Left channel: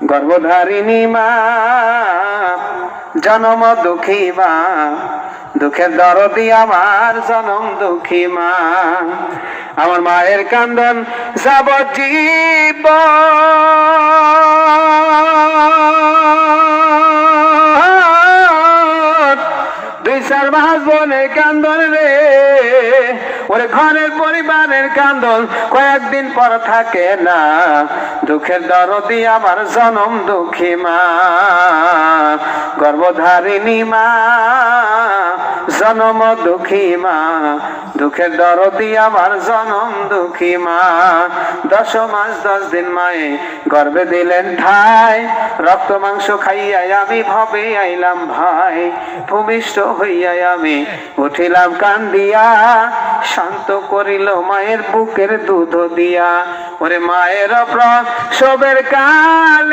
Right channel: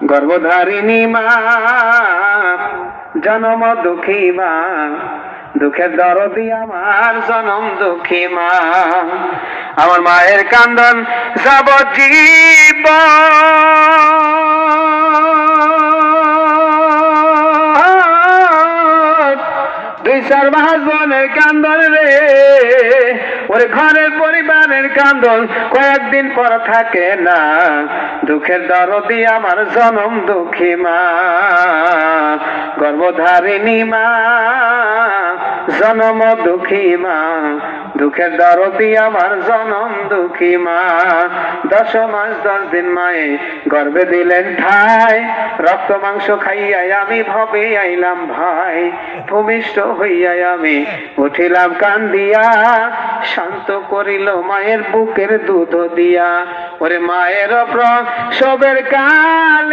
গর্ভধারিণী মা, জনম দুঃখী মা, দুঃখের দরদি আমার জনম দুঃখী মা। আমার মায়ের কান্দন যাবজ্জীবন, দুই চার মাস বোনের কান্দন রে, ওরে ঘরের পরিবারের কান্দন কয়েকদিন পর থাকে না। দুঃখের দরদি আমার জনম দুঃখী মা, গর্ভধারিণী মা, জনম দুঃখী মা, দুঃখের দরদি আমার জনম দুঃখী মা। 10 মাস 10 দিন মায়ে গর্ভে দিলেন ঠাই, রক্ত মাংস খাইয়াই আমি ভবে আইলাম ভাই। ভূমিষ্ঠ হইয়াই আমি উঠিলাম কান্দিয়া, শান্ত করিল মায়ের বুকের দুধ দিয়া। ওরে মায়ের প্রসবের কালে